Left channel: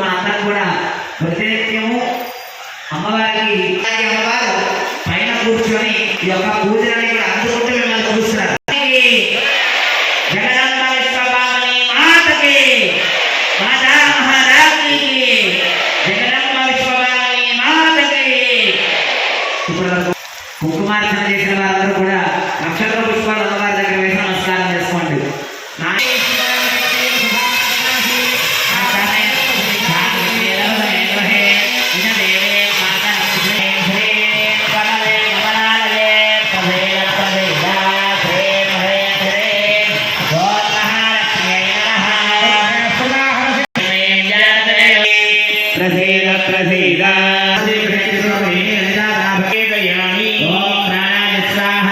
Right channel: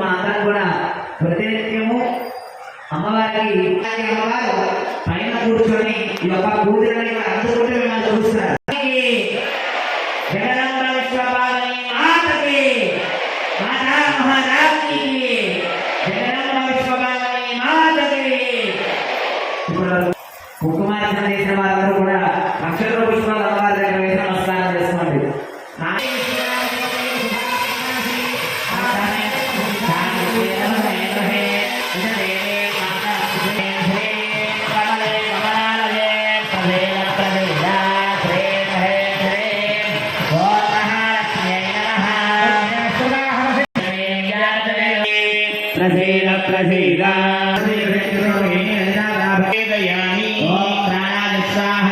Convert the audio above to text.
మనందరం కూడా ప్రతినిత్యము అమ్మవారికి అమ్మవారు పైన కూర్చొని ఈ యొక్క పూజలని అందుకుంటూ మిమ్మల్ని చూస్తున్నారు. జగదంబ విశ్వభావని మాతకి మాతా మహారాజ్కి జగదంబ విశ్వభావని మాతకి. ఇప్పుడు కుంకుమార్చన చేసిన వారందరూ కూడా నక్షత్ర పుష్పాలు అమ్మవారి దగ్గర వేసి నమస్కారం చేసుకోండి. ప్రసీద ప్రసీద ఓం ప్రాణ స్వాహ